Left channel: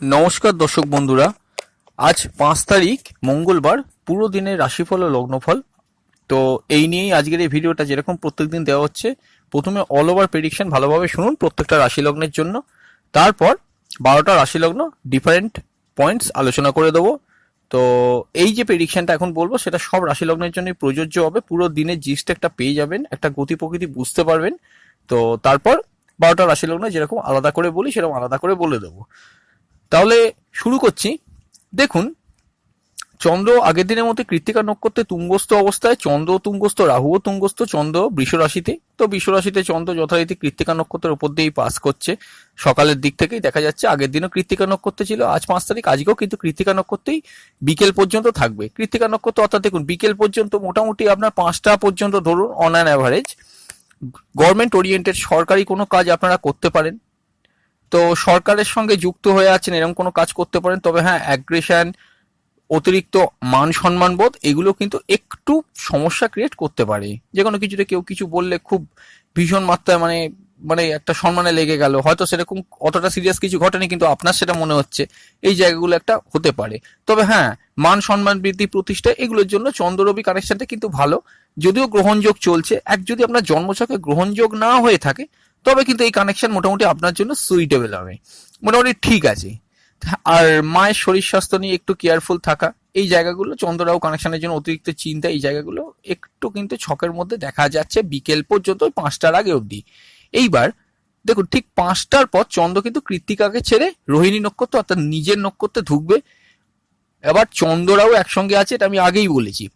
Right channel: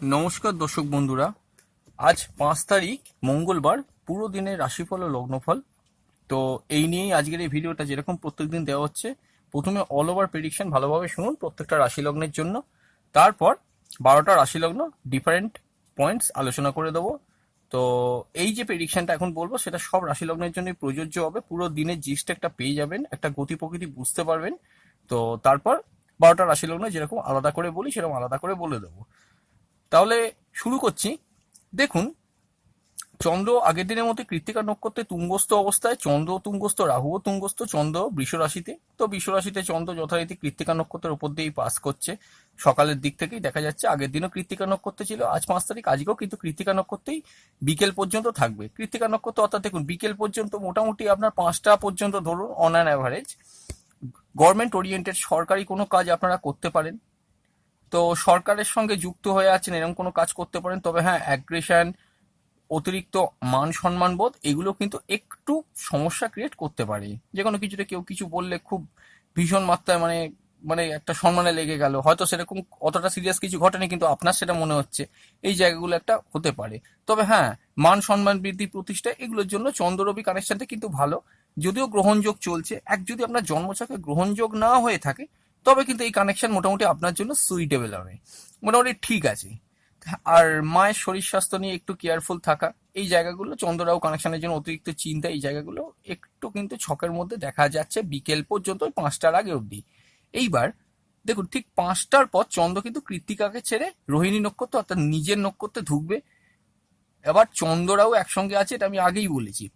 নমস্কার দর্শক বন্ধুরা, আজ 5 তারিখ মঙ্গলবার, পুরো দিনের রাশিফল ও লগ্নফল। তো এই নিয়েই আজকের এই ভিডিওটা, যেরকম প্রত্যেকদিন দেওয়া হচ্ছে। প্রথমে অল ওভার প্রেডিকশন ভালোভাবে শুনুন প্রত্যেকটা রাশি লগ্নের জন্য, তারপর 12টা রাশি লগ্ন ডিফারেন্ট পয়েন্টস আলোচনা করে দেবো। তো এই যে প্রেডিকশনটা এখন বলবো সেটা সব রাশি লগ্নের জন্যই প্রযোজ্য হবে। পুরো দিনের জিস্ট একটা পেয়ে যাবেন, একটা গতি প্রকৃতি বুঝতে পারবেন। তো তারপর 12টা রাশি লগ্ন যেরকম আলাদা করে বলি সেরকম আলাদা করে বলে দেবো। তাহলে শুরু করছি। দেখুন, চন্দ্র আগের দিনের মধ্যে কৃত্তিকা নক্ষত্রে তুঙ্গস্থ অবস্থায়, চন্দ্র তুঙ্গস্থ, রাহুও তুঙ্গস্থ, চন্দ্র বৃষ রাশিতে। তো বৃষ রাশিতে চন্দ্র যথারীতি কৃত্তিকা নক্ষত্রের উপর দিয়েই পাস করছে। সকালের দিক থেকেই দেখা যাচ্ছে, আগের দিনও কৃত্তিকা নক্ষত্র ছিল, আজ 5 তারিখ, আজকেও কিন্তু কৃত্তিকা নক্ষত্রেই বিকেল পর্যন্ত থাকবে। কৃত্তিকা নক্ষত্র অর্থাৎ দেখুন বিকেল পর্যন্ত মোটামুটি আপনার 5টা পর্যন্ত ধরুন on an average government oriented সরকারি কোনো কাজ আপনারা করতে পারেন। তো সরকারের সঙ্গে যুক্ত হয়ে আছেন এরকম কোনো কাজ করতে পারেন। তবে হ্যাঁ, অ্যাগ্রেশন, অতিরিক্ত মান সম্মান বোধ, এগুলো কিন্তু একটু সমস্যা ক্রিয়েট করতে পারে। যে কোনো কিছুতে কেউ কিছু বললে খুব ভীষণ মাত্রায় মানে মানে একটা সম্মানে লেগে গেল, হয়তো সেরকম অতটা সিরিয়াস কিছু ঘটেনি কিন্তু আপনার সেটা মনে হচ্ছে, এই জায়গাগুলো একটা হতে পারে। তবে হ্যাঁ, মান সম্মান বৃদ্ধি, প্রতিষ্ঠা, এগুলোর জন্য চন্দ্র রবি কানেকশনটা কিন্তু ভালো। যদিও গ্রহণযোগ চলছে, যদি আপনার জন্মছকে গ্রহণযোগ না হয়ে থাকে তবে কিন্তু এই কানেকশন মোটামুটি আপনার জন্য সুইটেবল হবে, মোটামুটি ঠিক আছে। আর মায়ের শরীর স্বাস্থ্য নিয়ে একটু কেয়ারফুল থাকা, এই জায়গাগুলো চন্দ্ররাহু কানেকশনের জন্য অতিরিক্ত চিন্তা, এই জায়গাগুলো একটু কিন্তু ছকের মধ্যে দেখা যাচ্ছে বিকেল পর্যন্ত, 5টার আগে অবধি। এইবার দেখুন, ঠিক 5টার পর চন্দ্র কিন্তু কৃত্তিকাকে ছেড়ে রোহিণী নক্ষত্র অর্থাৎ নিজের নক্ষত্রে ঢুকবে। এবার চন্দ্ররাহু একসঙ্গে আছে, এটা আমি আগেই বলেছি।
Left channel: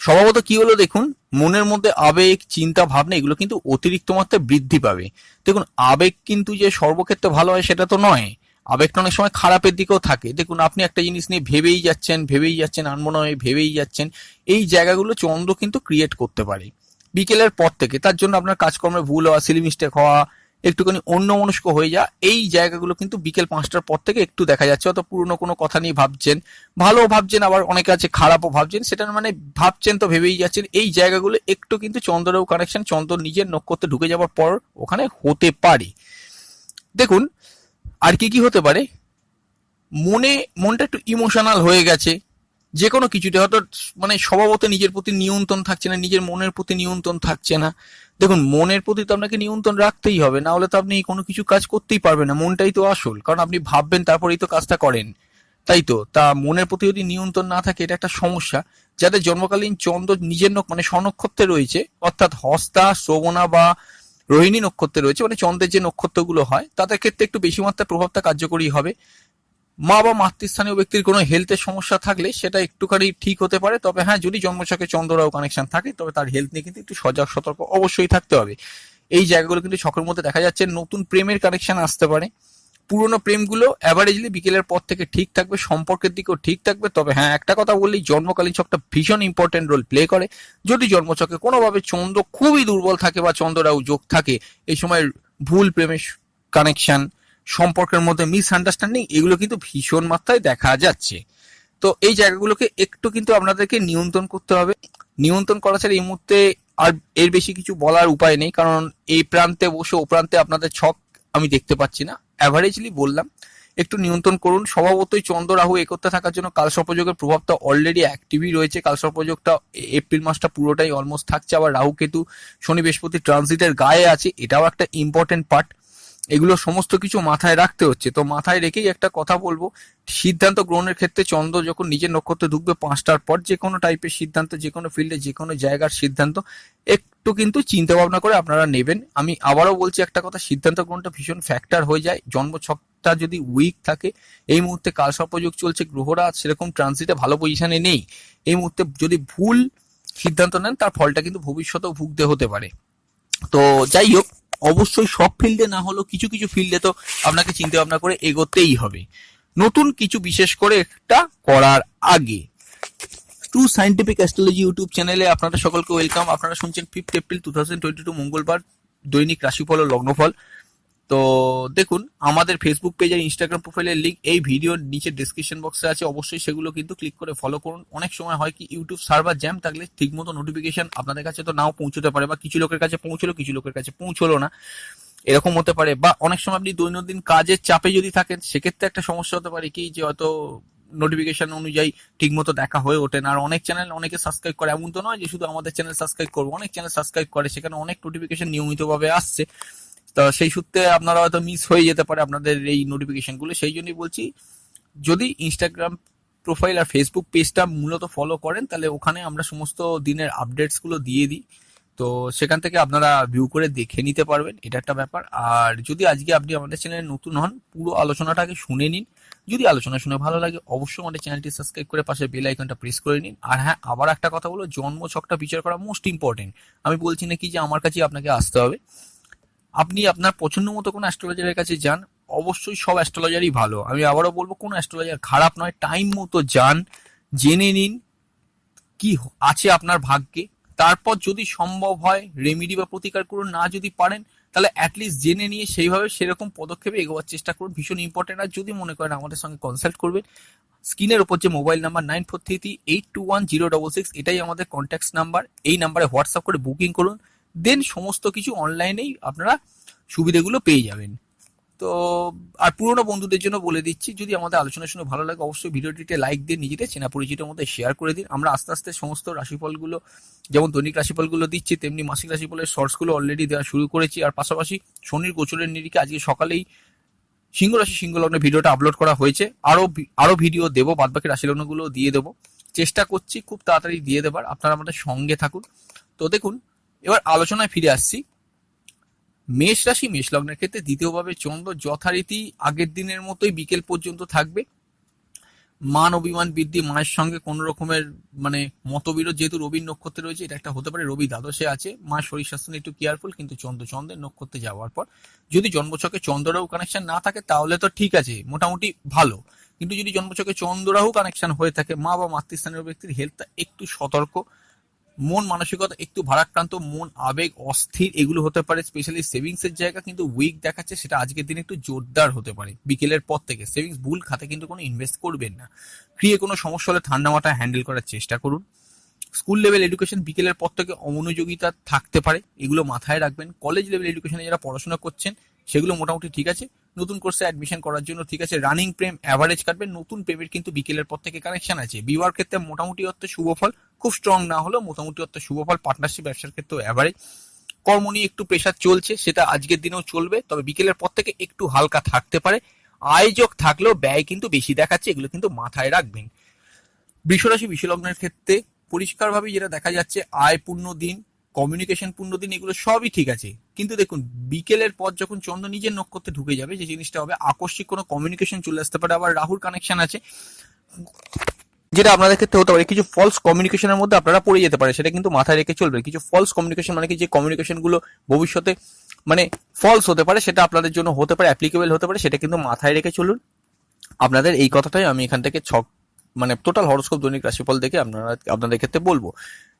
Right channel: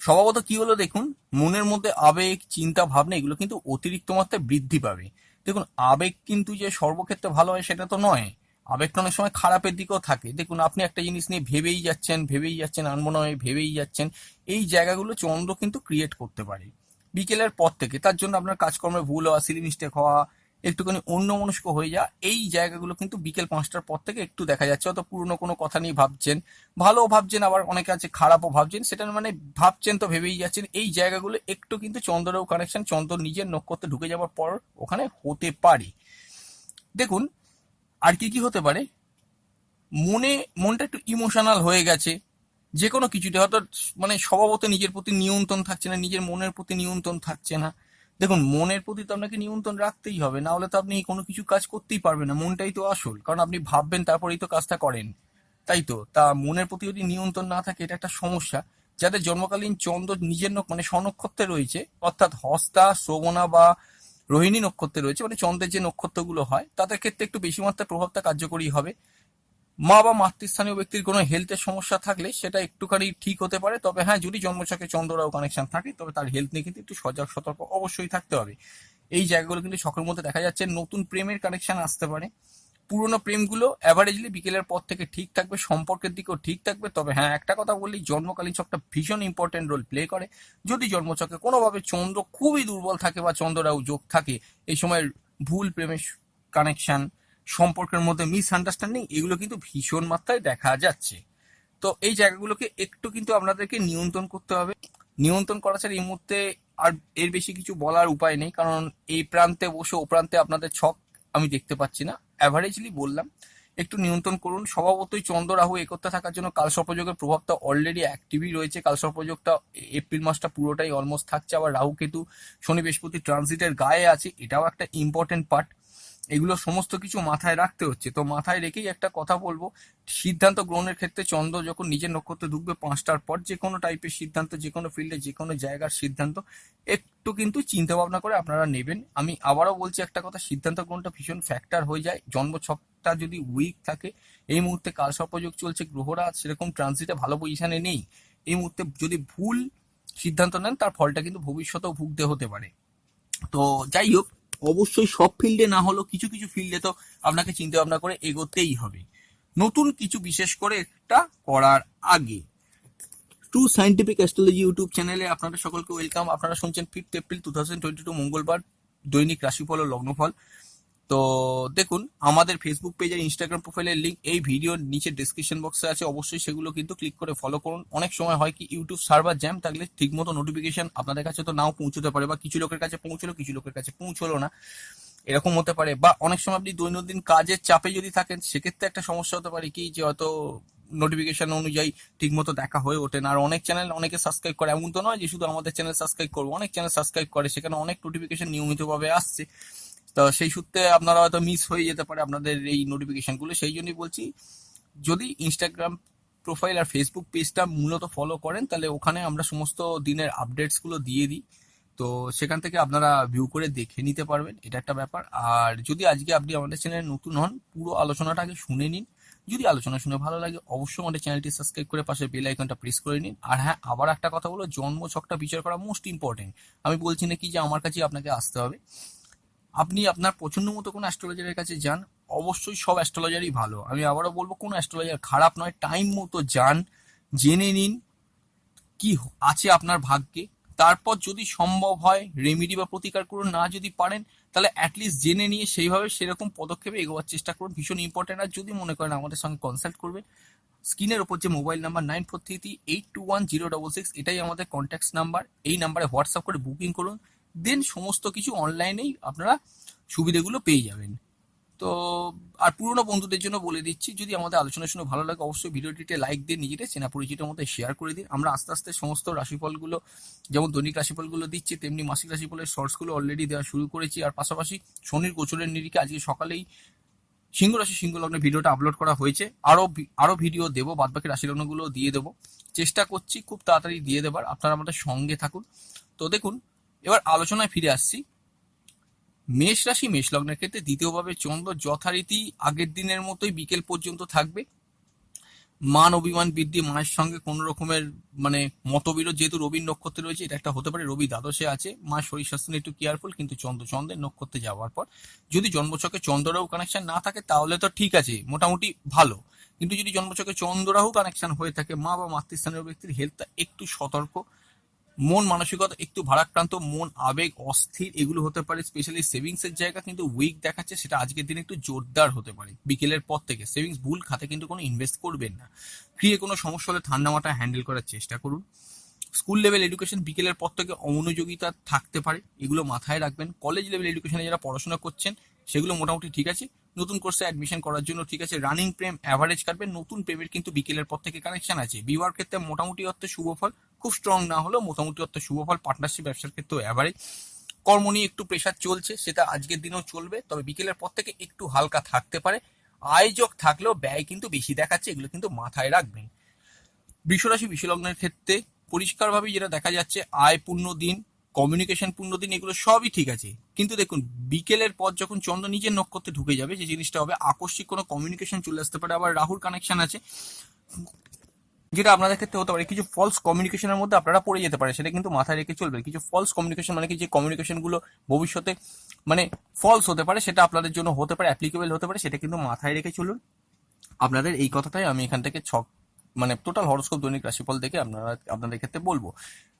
স্বভাবত কি হলো দেখুন, মনের মধ্যে আবেগ, চিন্তা, ভাবনা, এগুলো কিন্তু অতিরিক্ত মাত্রায় বৃদ্ধি পাবে। দেখুন, আবেগ কিন্তু যে সর্বক্ষেত্রে ভালো হয় সেটা তো নয়, আবেগটা অনেক সময় খারাপের দিকেও থাকে। দেখুন, আপনি একটা জিনিস নিয়ে ভেবেই যাচ্ছেন আনমনে ভেবেই যাচ্ছেন, এই জায়গাগুলো চন্দ্র কিন্তু ক্রিয়েট করতে পারে বিকেলের পর থেকে। তার জন্য আপনার কাজকর্মে ভুল হওয়া, সিলি মিস্টেক হওয়া, একটুখানি অন্যমনস্ক হয়ে যা, এই জায়গাগুলো কিন্তু বিকেল 5টার পর থেকে একটু দেখা যাচ্ছে। হয়তো পুরনো কোনো কথা নিয়ে ভাবছেন, ভালো ভাবছেন, আবার অনেকে আছে খারাপও ভাবছেন, সেটা মানে ভাবছেন তো ভেবেই যাচ্ছেন, এই জায়গাগুলো একটু কিন্তু চন্দ্রেও কানেকশন চন্দ্র নিজের নক্ষত্রে ঢুকে যাওয়ার পর ওখানে হতে পারে। দেখুন, আর কি কি হতে পারে, মনটা একটু ইমোশনাল হয়ে গেছে যে কোনো কিছুতে, হয়তো মানে স্বভাবত নিজের প্রতি নিয়ন্ত্রণ থাকছে না, নিজের মনের প্রতি নিয়ন্ত্রণ থাকছে না। দেখুন, মনের প্রতি তো আপনাকে নিয়ন্ত্রণ রাখতেই হবে, না হলে তো আপনি কোনো কিছু কাজ করতেই পারবেন না। মনটাই তো আসল, কারণ আপনি ভাববেন তারপরেই তো কাজটা করেন, তাই তো। তা মনের প্রতি যদি নিয়ন্ত্রণ না থাকে, এটা একটা সমস্যা। যাদের জন্মকালীন চন্দ্র নিজের মানে স্বনক্ষত্রে রয়েছে, অর্থাৎ হস্তা, শ্রবণা বা রোহিণী নক্ষত্রে রয়েছে, মানে চন্দ্রের যে নক্ষত্রগুলো হয়, তাদের ক্ষেত্রে একটু বেশি মাত্রায় প্রভাবটা কার্যকরী হবে। মা বা মাতৃস্থানীয় ব্যক্তির কোনো হেলথের সমস্যা থাকলে সেটা একটুখানি ঠিক হতে পারে। তবে হ্যাঁ, যদি জন্মছকে চন্দ্ররাহু কানেকশন থাকে তবে তার হেলথ নিয়ে কিন্তু একটু সজাগ সতর্ক অবশ্যই থাকতে হবে। এই জায়গাগুলো কিন্তু ছকের মধ্যে দেখা যাচ্ছে। নতুন প্রেমের কানেকশন আসতে পারে। পুরোনো প্রেমগুলো অ্যাভারেজলি বিকেলের পর থেকে ঠিক থাকবে, সম্পর্কের দিকেও ঠিক থাকবে। তবে হ্যাঁ, একটা কথা বললেই, জন্মকালীন ছকটা ভীষণ ইম্পর্টেন্ট রোল প্লে করে। যদি জন্মছকে কোনোভাবে চন্দ্র খুবই দুর্বল থাকে বা চন্দ্ররাহু যোগ থাকে, এই সময় ভুল প্রেমের কানেকশন, সম্পর্কের মধ্যে মিসআন্ডারস্ট্যান্ডিং, এগুলো কিন্তু ভীষণ মাত্রায় দেখা যাচ্ছে। তো এই জায়গাগুলোকে একটু কিন্তু আপনাদেরকে নিয়ন্ত্রণ করতে হবে। নিয়ন্ত্রণ করা ছাড়া এই মুহূর্তে আর এর বেশি কিছু বলার উপায় নেই, কারণ এই প্রান্তে বসে ও প্রান্তে আপনাদের ছক আমি দেখতে পাচ্ছি না। অ্যাভারেজলি বললাম, একটু নিয়ন্ত্রণ করুন। স্বভাবতই চন্দ্র রাহু একত্রে থাকার জন্য কালসর্পযোগের প্রভাবটা অলরেডি অ্যাক্টিভই রয়েছে। কালসর্পযোগটা এপ্রিল মাসটা পুরোটাই অলমোস্ট থাকছে। আবার রাহু কেতু শনি বৃহস্পতি ট্রানজিটের গায়ে আছে, এটাও একটা ইম্পর্টেন্ট পার্ট। এগুলো সমস্ত কিছু মাথায় রাখতে হচ্ছে। তো মাথায় রেখেই একটা কথা বলবো, সিদ্ধান্ত গ্রহণের ক্ষেত্রে চন্দ্র যখন নিজের নক্ষত্রে ঢুকবে 5টার পর, যে কোনো টাইপের সিদ্ধান্ত, যে কোনো ফিল্ডে, যে কোনো জায়গার সিদ্ধান্ত একটু কিন্তু চিন্তা ভাবনা করে আপনারা নেবেন। আমি আবারও বলছি একটা কথা, সিদ্ধান্ত গ্রহণটা ভীষণ ফ্যাক্টর হয়ে যায়। জন্মছকটা যদি উইক থাকে, এই মুহূর্তে কালসর্পযোগ চলছে, গ্রহরা সেরকম ট্রানজিটে ভালো পজিশনে নেই, এই মুহূর্তে যদি ভুল সিদ্ধান্ত নেন তার ফলটা কিন্তু ভবিষ্যতেও ভুগতে হতে পারে। তো যাই হোক, অবশ্যই সব ফিল্ডে না হলেও কিছু কিছু ফিল্ডে তো আপনাকে চিন্তা ভাবনা করে এগোতেই হবে, নতুন কিছু বিশেষ করে একটা করার আগে। ট্রু সাইন্টিফিক অ্যাস্ট্রোলজি ইউটিউব চ্যানেলে আপনারা সকলকে ওয়েলকাম। আপনারা শুনছেন 5 এপ্রিল 2022 মঙ্গলবার দৈনিক রাশিফল ও লগ্নফল। তো দেখুন, আমাদের ফেসবুক পেজ আর ইনস্টাগ্রাম প্রোফাইলের লিঙ্ক এই ভিডিওর নিচে ডেসক্রিপশন বক্সে আছে, অবশ্যই সেগুলো কিন্তু ক্লিক করে ফলো করুন। অনেক সময় হয় কি, ইউটিউব সার্ভার জ্যাম থাকলে ঠিকমতো নোটিফিকেশন আপনাদের কাছে তো নাও পৌঁছতে পারে, বা কিছু লোকের কাছে পৌঁছলো, কিছু লোকের কাছে পৌঁছলো না। এরকম হতে পারে। বা অনেক সময় আপনি দৈনন্দিন কাজের চাপে যদি থাকেন, সেক্ষেত্রে একটা সমস্যা হতে পারে কি, যে হয়তো নোটিফিকেশন অনুযায়ী ঠিকমতো দেখা হয়ে ওঠে না। আর অনেক চ্যানেল অনেকে সাবস্ক্রাইব করে, এমন তো নয় যে শুধু আমাদের চ্যানেল সাবস্ক্রাইব করবো, অনেক চ্যানেল সাবস্ক্রাইব করে, সেখানে অনেক নোটিফিকেশন নিয়মিতভাবে আসছে। তো সেই সূত্রে আপনারা হয়তো মিস হয়ে যেতে পারে আপনাদের এই নোটিফিকেশনগুলো। সেই জন্যই বলছি, যদি ইনস্টাগ্রাম প্রোফাইল আর ফেসবুক পেজটা মূলত ফলো করেন, তাহলে ওখানে আমরা সমস্ত দিনের আপডেটসগুলো দিয়ে দিই। তো সেখান থেকে আপনারা ভিউ করে দেখে নিতে পারবেন, এটা একটা ব্যাপার। আর যদি আজকে আপনি আমাদের চ্যানেলে নতুন হন, পুরো আলোচনাটা আগে শুনে নিন। যদি আলোচনা শুনে ভালো লাগে, অবশ্যই আমাদের চ্যানেলটি সাবস্ক্রাইব করে পাশে বেল আইকনটা প্রেস করে নিন। আর হ্যাঁ, আবার একটা কথা বলো, জন্ম ছকটা বিচার করা মোস্ট ইম্পর্টেন্ট। আমি বলছি না কি যে আমার কাছে আপনাকে আসতে হবে, আপনি আপনার পছন্দ মতো কোনো অ্যাস্ট্রোলজারের কাছে যান। অবশ্যই সব অ্যাস্ট্রোলজারই ভালো, আমি আবারও বলবো কোনো অ্যাস্ট্রোলজার খারাপ নয়। টাইম মতো যান, জেনে নিন কি আছে আপনার ভাগ্যে। তারপর যদি সম্ভব হয় রেমিডি বা প্রতিকার করুন, না যদি পারেন তাহলে অ্যাটলিস্ট জেনে নিয়ে সেইভাবে সেরকম পদক্ষেপে এগোবার চেষ্টা করুন, ভীষণ ইম্পর্টেন্ট। আর যদি মনে করেন আমাদের সঙ্গে কনসাল্ট করবেন, স্ক্রিনের ওপর যে মোবাইল নাম্বার 9433821066, এটাই আমাদের কন্ট্যাক্ট নাম্বার। এই নাম্বারে হোয়াটসঅ্যাপ করে বুকিং করুন, দেন সমস্ত কিছু অনলাইনেই আপনারা সুবিধাগুলো পেয়ে যাবেন। তো আর পুরোনো বন্ধুদের জন্য বলে দিচ্ছি, যদি আমাদের আলোচনা শুনে ভালো লাগে, অবশ্যই ভিডিওটিতে লাইক দিয়ে নিজেদের চেনা পরিচিতের মধ্যে শেয়ার করে দিন। আমরা আস্তে আস্তে সমস্ত রাশিফলগুলো, যেমন দৈনিক রাশিফলগুলো দিচ্ছি, তেমনি মাসিক রাশিফলের শর্টসগুলো অলরেডি দেওয়া শুরু করেছি। আর পাশাপাশি শনির গোচরের নিরিখে আজকে সকালেই সিংহ রাশি সিংহ লগ্নের ভিডিওটা আপলোড করা হয়েছে। আরো ভিডিও দেবো, বাদবাকি রাশি লগ্নগুলো দিয়ে দেবো, চেষ্টা করছি খুব তাড়াতাড়ি দিয়ে দেবার। আপনারা আমাদের সঙ্গে থাকুন। তো দেখুন, এবার আলোচনায় ফিরে আসছি। মেষ রাশি মেষ লগ্নের ক্ষেত্রে দ্বিতীয়ভাবে চন্দ্র যথারীতি আগের দিনের মতোই বিকেল পর্যন্ত থাকবে। মান অভিমান বৃদ্ধি, মায়ের সঙ্গে কোন রকমের মানে মতবিরোধ, যেহেতু রবির নক্ষত্রে রয়েছে, এটা একটা হতে পারে। রবি দ্বাদশে আছে, মায়ের শরীর স্বাস্থ্য নিয়ে একটু কেয়ারফুল। কিন্তু চন্দ্রের নক্ষত্রে যাওয়ার পর যদি জন্মছকে চন্দ্ররাহু কানেকশন না থাকে তাহলে তো ঠিক আছে, মোটামুটি ভালো। কিন্তু যদি জন্মছকে চন্দ্ররাহু কানেকশন হয়ে থাকে, মা বা মাতৃস্থানীয় ব্যক্তির হেলথটা একটু সতর্ক, মন মানসিকতা একটু ভারাক্রান্ত, মন আবেগ অস্থির, এগুলো হতে পারে। স্পেশালি সেভিংস এর জায়গা কিন্তু উইক দেখাচ্ছে, সেটা আজকের দিনে একটু জোরদার হতে পারে। বিকেলের পর থেকে সেভিংস ভুল খাতে কিন্তু কোনো ইনভেস্ট করবেন না। ক্রিয়ে কোনো সমস্যা হলে ঠান্ডা মাথায় হ্যান্ডেল করার চেষ্টা করুন। স্কুল লেভেল এডুকেশন বিকেলের পর থেকে অমনোযোগিতা থাকতে পারে, এগুলো মাথায় রাখবেন। কলেজ লেভেল এডুকেশনে যারা পড়াশোনা করছেন, সেগুলো মোটামুটি ঠিক আছে। নতুন কোর্সে অ্যাডমিশন করার জন্য ঠিক আছে। রানিং প্রেম অ্যাভারেজ কাটবে, নতুন প্রেমের কিন্তু বিকেলের পর থেকে কানেকশন আছে। বিবাহের ক্ষেত্রে মোটামুটি অর্থে শুভ ফল, খুব স্ট্রং না হলেও মোটামুটি অর্থে শুভ ফল। পার্টনারশিপ ব্যবসার ক্ষেত্রেও অ্যাভারেজ। কর্ম নিয়ে একটু প্রেশার চলছে, সেটা আজকের দিনেও চলবে, তবে বিকেলের পর থেকে একটু হালকা থাকতে পারে। আয়োজক থাকলেও ব্যয় কিন্তু বেশি দেখাচ্ছে, এগুলো কিন্তু মাথায় রাখবেন। বৃষরাশি বিশ্বলগ্নের ক্ষেত্রে পরিষ্কারভাবে যেটা দেখা যাচ্ছে, আয় পূর্ণ দিন, কমিউনিকেশন পূর্ণ দিন, এগুলো সবই ঠিক আছে। কিন্তু দেখুন, বিকেলের পর যখন চন্দ্র নিজের নক্ষত্রে ঢুকে যাবে, যে জিনিসটা হবে আকস্মিক কোনো কমিউনিকেশন চলে আসতে পারে। আবার রাহুর কানেকশন আছে, যেটা আপনাদের ক্ষেত্রে হতে পারে কিছু ফলস কমিউনিকেশনের মধ্যে আপনারা পড়ে যেতে পারে, সেটা কিন্তু মাথায় রেখে চলবে। কিছু ফলস কমিউনিকেশন মানে কি, যে কমিউনিকেশন গুলো ভবিষ্যতে মানে ফলস হতে পারে, সেটা আপনাদের জন্য হতে পারে, অ্যাপ্লিকেবল হতে পারে, সেটা কিন্তু মাথায় রেখে চলুন। আপনাদের এই কথাটাই আমি এখান থেকে মানে টোটাল হরোস্কোপ দৈনিক রাশিফল দেখে আপনাদের ক্ষেত্রে বলবো।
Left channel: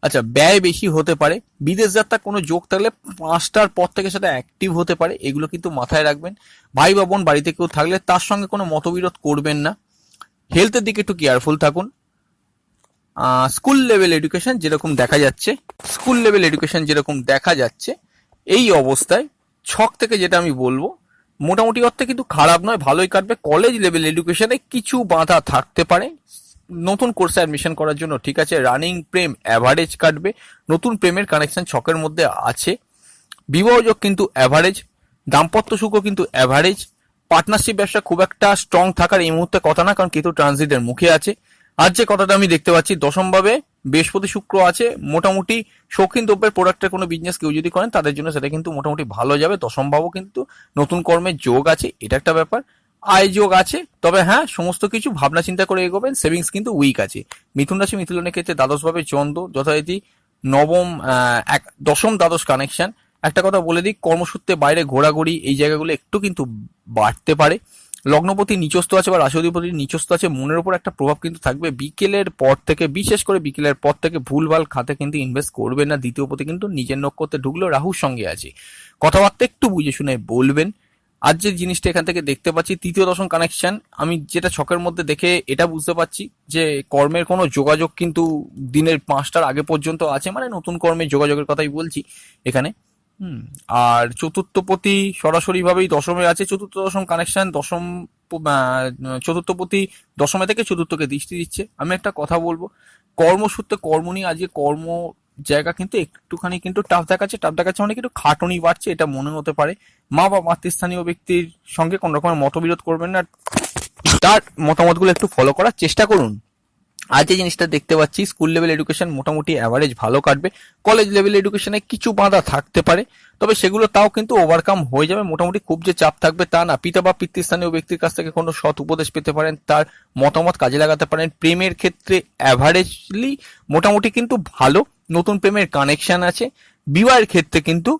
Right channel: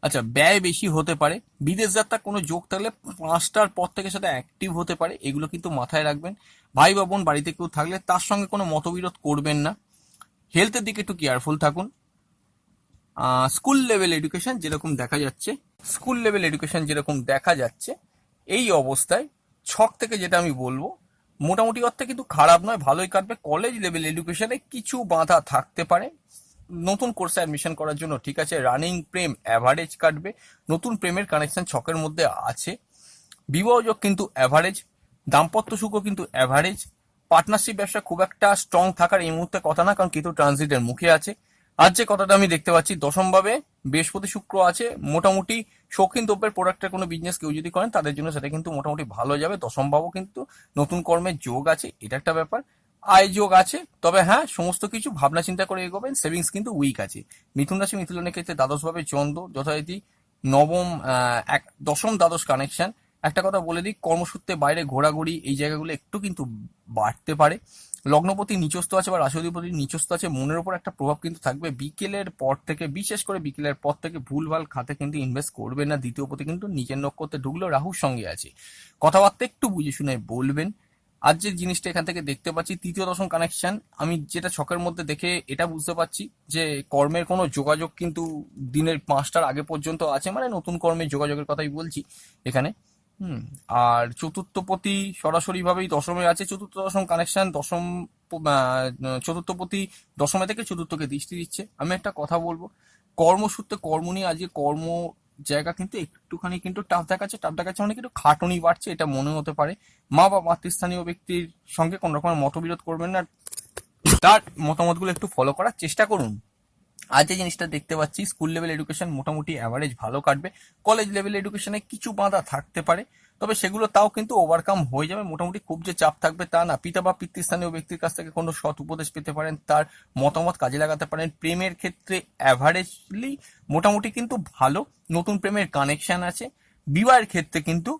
আচ্ছা, ব্যয় বেশি হতে পারে। বিদেশ যাত্রা কোনো যোগ থাকলে 5টার পর থেকে সেটা অ্যাক্টিভ হতে পারে, এগুলো কিন্তু মাথায় রাখবেন। ভাই বা বোন বাড়িতে কেউ থাকলে তার সঙ্গে কোনো মতবিরোধ করবেন না। হেলথের দিকে একটু কেয়ারফুল থাকুন। স্কুল লেভেল এডুকেশন যেরকম দেখা যাচ্ছে এই অবস্থায়, ছক থেকে যেটা আমি বলবো, মোটামুটি অর্থে কিন্তু খারাপ নয়, ভালোই কাটবে। কলেজ লেভেল এডুকেশনে কিছু বাধা থাকতে পারে, নতুন কোর্সে অ্যাডমিশন করার জন্য ঠিক আছে। রানিং প্রেম অ্যাভারেজ কাটবে, নতুন প্রেমের কানেকশন ছকের মধ্যে আছে। বিবাহযোগ কিন্তু অ্যাভারেজ, দাম্পত্য সুখও কিন্তু অ্যাভারেজ। পার্টনারশিপ ব্যবসা খুব একটা স্ট্রং থাকার এই মুহূর্তে কথা না, কারণ কেতু ট্রানজিটের মুখে আছে। আর যে কথাটা আমি দেখতে পাচ্ছি, দশমভাবে বৃহস্পতি শুক্র আছে, মোটামুটি শৌখিন দ্রব্যের প্রোডাক্টের কোনো বিজনেস কেউ যদি করেন তাদের জন্য সেটা কিন্তু মোটামুটি ভালো যাবে। দশমভাবও কিন্তু নতুন কর্মের যোগ আছে, এটা একটা ব্যাপার। আয় যোগ আছে, তবে হ্যাঁ সমস্ত কিছু ভাবনা চিন্তা করে এগোবেন। সেভিংস কিন্তু উইক আছে। মিথুন রাশি মিথুনের ক্ষেত্রে দ্বাদশভাবে চন্দ্র যথারীতি নবম, দশম দ্বাদশ কানেকশন। একটা কথা বলে দিই, কর্মসূত্রে বাইরে ঘোরাঘুরি এই জায়গাগুলো একটু কিন্তু বাড়তে পারে। লগ্নপতি নিচস্থ আছে বা রাশি অধিপতি নিচস্থ আছে, মনের উপর একটা প্রভাব কিন্তু থাকবে বিকেলের পর থেকে। বিশেষ করে বিকেলের পর থেকে ভুলভাল খাতে কিন্তু ইনভেস্ট করবেন না। দ্বিতীয় পতি কিন্তু নিজের নক্ষত্রে ঢুকলেও রাহুর সঙ্গে আছে, কথাবার্তা একটু বুঝে শুনে বলবেন। আর যে জিনিসটা এখান থেকে দেখতে পাচ্ছি, তৃতীয় দশম কানেকশন, আমি যেটা ছকের মধ্যে দেখে এটা বুঝতে পারছি যে কর্মের কোনো যোগাযোগ কিন্তু দিনের 5টার আগে পর্যন্ত আছে, মানে নতুন কর্মের যোগাযোগের কথাই বলছি এখানে। আর চতুর্থপতি সরাসরি ভাবেই দশমে আছে, চতুর্থ দশম কানেকশন, দশম চতুর্থপতি দশমে থেকে চতুর্থকে দৃষ্টি দিচ্ছে। আমি একটা কথা বলবো, কর্মসূত্রে কর্ম নিয়ে আজকে কর্ম জায়গা কিন্তু একটুখানি কিন্তু টাফ দেখাচ্ছে মানে একটু খাটনি বাড়ছে, এটা মনে হতে পারে। মা বা মাতৃস্থানীয় ব্যক্তির সঙ্গে কোনো রকমের মতবিরোধ করবেন না, তার মতামতগুলো একটু ফলো করার চেষ্টা করুন। আজ যে জিনিসটা দেখতে পাচ্ছি, স্কুল লেভেল এডুকেশন মোটামুটি অ্যাভারেজ ভালো কাটবে, কলেজ লেভেল এডুকেশনে কিছু বাধা থাকতে পারে, তবে সেগুলো তাও কিন্তু ওভারকাম হয়ে যাবে। মোটামুটি খুব যে চাপ থাকবে তা না। পিতা বা পিতৃস্থানীয় ব্যক্তির কাছ থেকে কোনো সৎ উপদেশ পেতে পারেন, তার মতামত কাজে লাগাতে পারেন। প্রেমের ক্ষেত্রে অ্যাভারেজলি মোটামুটি কিন্তু ভালো, নতুন প্রেমের কানেকশন আছে। বিবাহের ক্ষেত্রে কিন্তু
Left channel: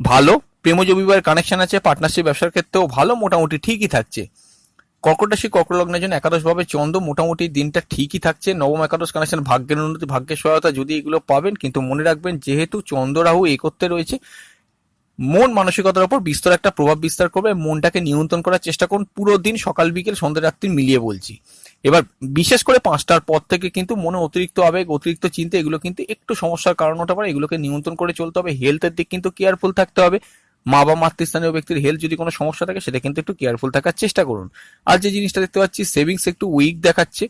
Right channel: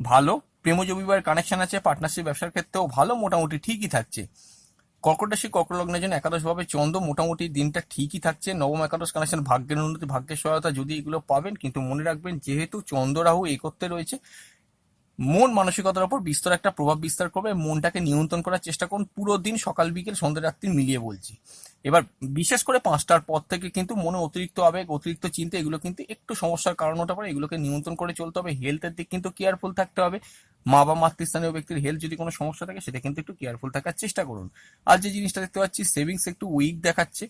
ভালো, প্রেমজ বিবাহের কানেকশন আছে। পার্টনারশিপ ব্যবসার ক্ষেত্রেও ভালো, মোটামুটি ঠিকই থাকছে। কর্কট রাশি কর্কট লগ্নের জন্য একাদশ ভাবে চন্দ্র, মোটামুটি দিনটা ঠিকই থাকছে। নবম একাদশ কানেকশন, ভাগ্যের উন্নতি, ভাগ্যের সহায়তা যদি এগুলো পাবেন, কিন্তু মনে রাখবেন যেহেতু চন্দ্র রাহু একত্রে রয়েছে, মন মানসিকতার উপর বিস্তর একটা প্রভাব বিস্তার করবে। মনটাকে নিয়ন্ত্রণ করার চেষ্টা করুন পুরো দিন, সকাল বিকেল সন্ধ্যা রাত্রি মিলিয়ে বলছি। এবার বিশেষ করে 5টার পর থেকে কিন্তু মনে অতিরিক্ত আবেগ, অতিরিক্ত চিন্তা, এগুলো কিন্তু একটু সমস্যার কারণ হতে পারে। এগুলোকে নিয়ন্ত্রণ করে চলতে হবে। হেলথের দিক কিন্তু কেয়ারফুল থাকতে হবে। মা বা মাতৃস্থানীয় ব্যক্তির হেলথ যদি কোনো সমস্যা থাকে, সেটা কিন্তু একটু কেয়ারফুল থাকার চেষ্টা করুন। আর যে জিনিসটা দেখতে পাচ্ছি, সেভিংস একটু উইক দেখাচ্ছে।